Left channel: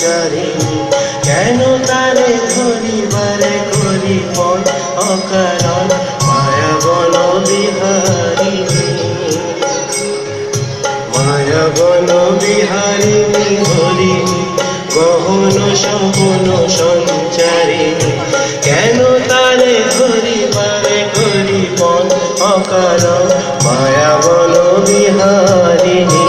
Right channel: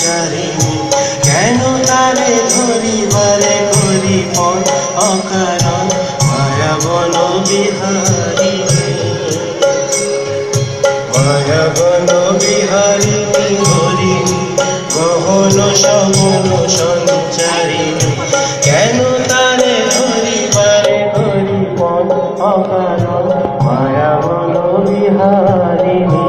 সঞ্চারিণী কেন তারে ধরিবারে করি পথ অকারণ মায়া বন বিহারিণী মায়া বন বিহারিণী হরিণী গহন সগন সঞ্চারিণী কেন তারে ধরিবারে করি পথ অকারণ মায়া বন বিহারিণী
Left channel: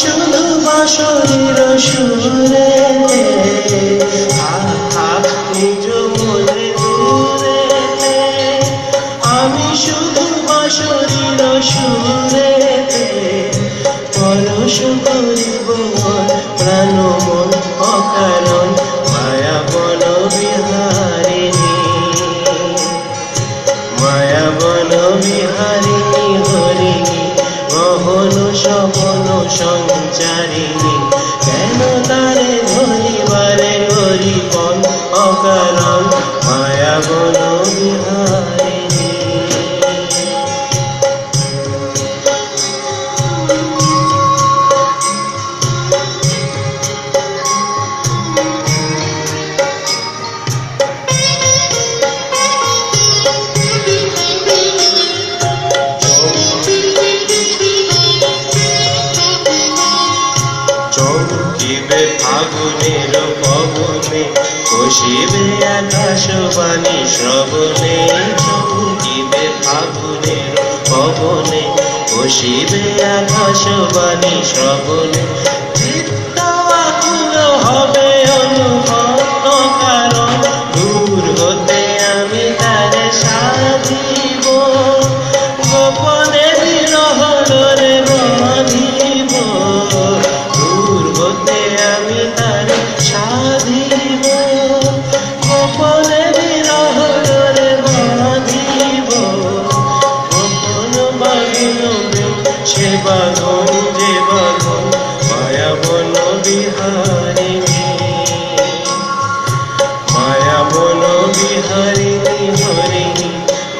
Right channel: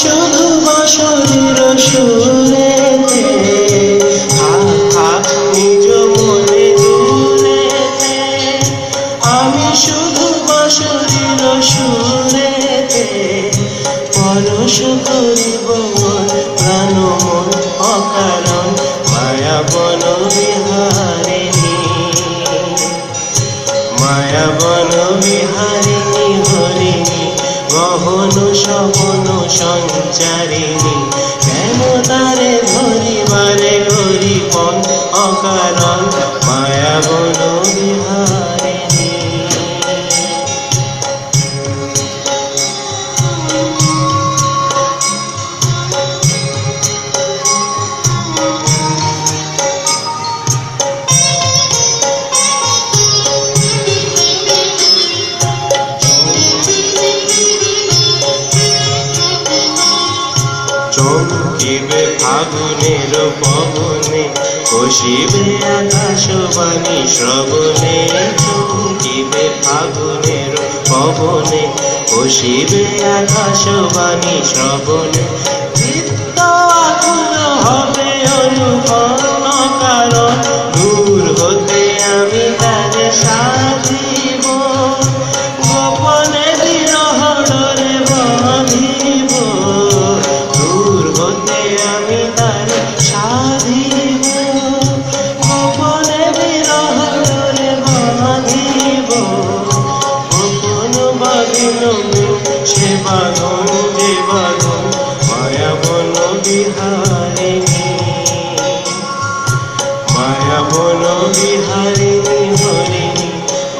শুধু বাঁশরীর সুরেতে নিজ মনে দূরেতে আমি শুধু বাঁশরীর সুরেতে পরশ করিব প্রাণ অকারণ মায়া বন বিহারিণী মায়া বন বিহারিণী হরিণী গহন সগন সঞ্চারিণী কেন তারে ধরিবারে করি পথ অকারণ মায়া বন বিহারিণী চমকিবে ফাগুনের পবনে বসিবে আকাশবাণী শ্রবণে চমকিবে ফাগুনের পবনে বসিবে আকাশবাণী শ্রবণে চিত্ত আকুল হবে অনুপন্ন কারণ দূর হতে আমি তারে সাধিব গোপনে বিরহ ডোরে বাঁধিব দূর হতে আমি তারে সাধিব গোপনে বিরহ ডোরে বাঁধিব গোপন বাঁধবে সে বাঁধন যে বাঁধন মায়া বন বিহারিণী মায়া বন বিহারিণী হরিণী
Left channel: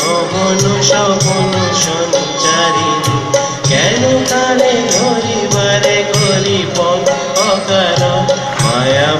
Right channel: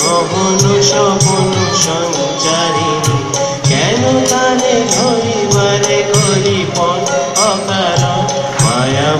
মোহন সগন সঞ্চারিণী কেন তারে ধরিবারে করি পথ অকারণ মায়া